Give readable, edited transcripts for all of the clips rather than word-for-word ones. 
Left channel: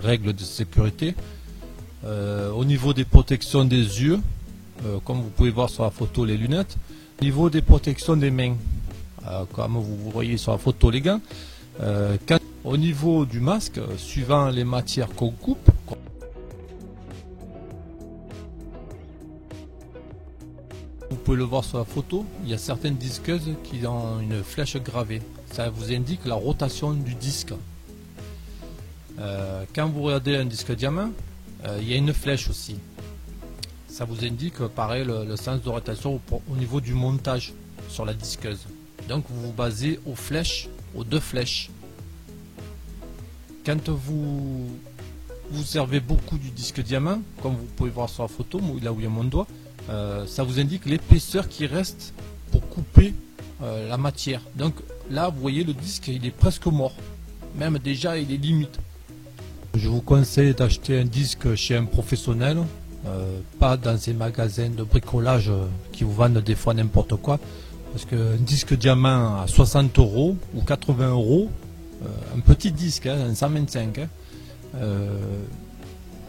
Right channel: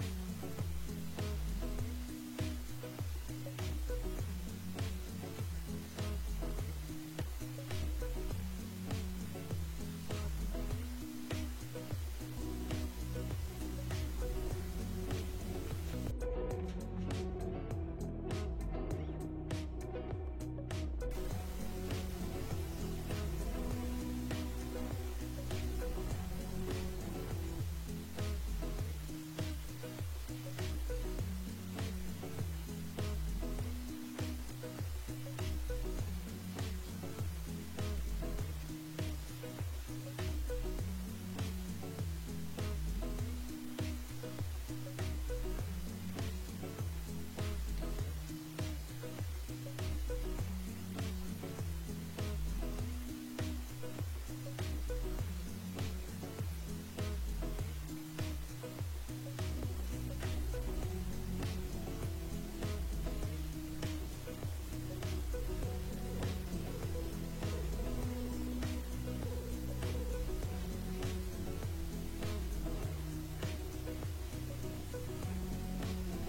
règles de sécurité. Au niveau des protections des yeux, comme vous pouvez voir sur la photo, les lunettes. Au niveau des protections des mains, comme vous voyez sur la photo, les gants. Au niveau du masque, suivant les matières qu'on coupe, vous pouvez le voir sur la photo, il y a certaines disqueuses qui ont une flèche gravée. Ça vous indique la rotation du disque. Quand vous regardez un disque diamant, il y a une flèche aussi. Ça vous indique pareil le sens de rotation au niveau du montage sur la disqueuse. Donc vous vous basez aux flèches, aux deux flèches. Quand vous servez beaucoup du disque diamant, comme vous pouvez voir sur la photo, là où il y a mon doigt, ça vous indique l'épaisseur qui reste pour couper la matière. Donc là vous voyez le disque il est presque mort, même déjà il est limite. Je vous conseille d'acheter un disque chez un professionnel, pas dans ces magasins de bricolage qui vous vendent des fois n'importe quoi, parce qu'un disque diamant à 60 € ou 80 €, un petit disque, un 125,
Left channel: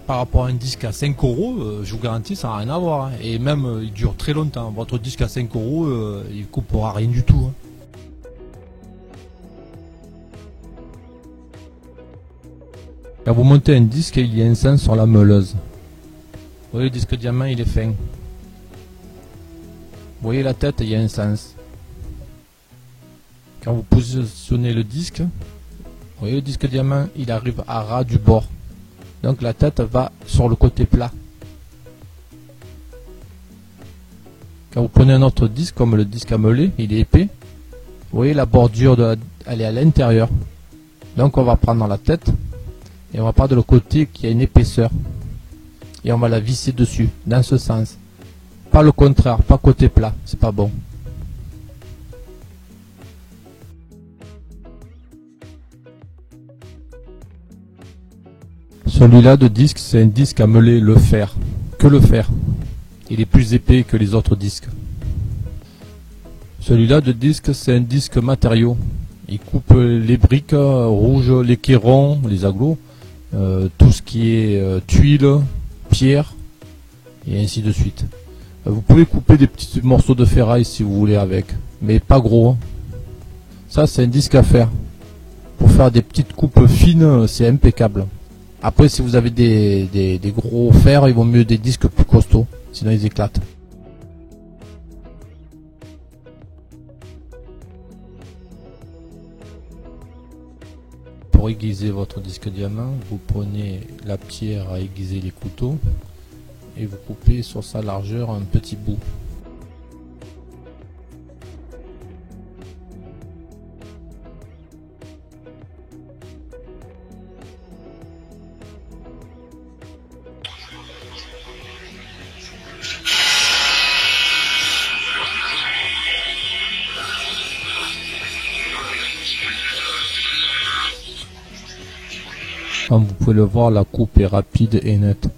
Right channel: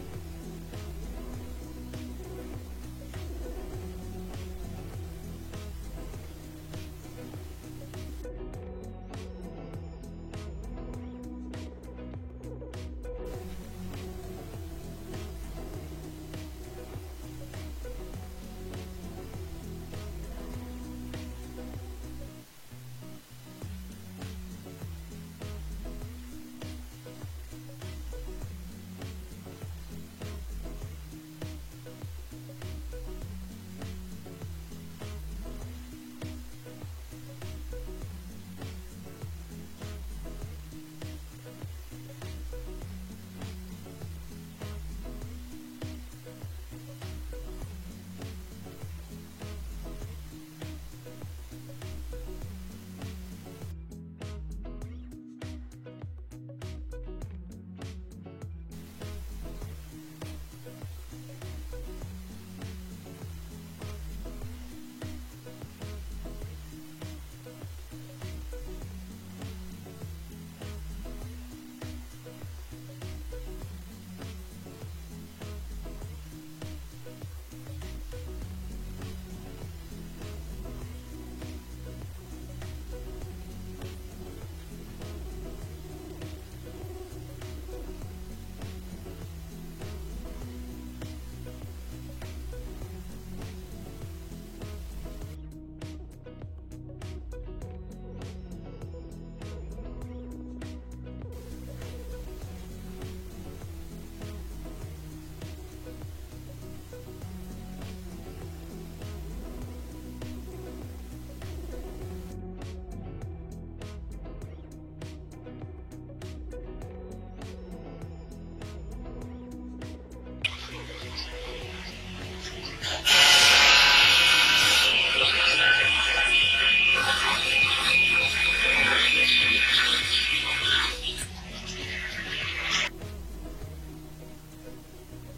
par rapport à un disque à 5 €, je vous garantis ça n'a rien à voir, et même il dure très longtemps. Votre disque à 5 €, il ne coupera rien du tout. Quand vous montez un disque, il y a un sens sur la meuleuse. Vous voyez le disque diamant, il est fin. Vous voyez la tête, il y a un sens. Quand vous positionnez le disque, vous voyez le disque diamant, il arrive à ras du bord. Donc la tête va sur le côté plat. Quand vous prenez un autre disque, comme le disque à meuler, il est épais. Vous voyez la bordure, elle est à l'intérieur. Donc on va prendre la tête. Et on va prendre le côté qui a une épaisseur. Et on va la visser dessus, dans ce sens. Pas le contraire, pas côté plat, c'est pas bon. Celui-là de disque, c'est un disque à meuler le fer. Que le fer. Il est plus épais que les autres disques. Celui-là de disque, c'est un disque matériau. Il coupe les briques rouges, les quérons, les aglos. Tout ce qui est tuiles, pierres et ainsi de suite. Vous pouvez couper des petits morceaux de ferraille si vous voulez avec, mais pas gros. Ça c'est un disque à fer. Pour faire des petites coupes fines, c'est impeccable. Après si vous avez des gros fers, il vaut mieux des disques plus costauds, sinon ils éclatent. Pour aiguiser votre disque diamant, vous prenez la pierre à aiguiser les couteaux et vous coupez sur sa largeur un petit bout. Comme vous pouvez le voir, la coupe est rapide et nette.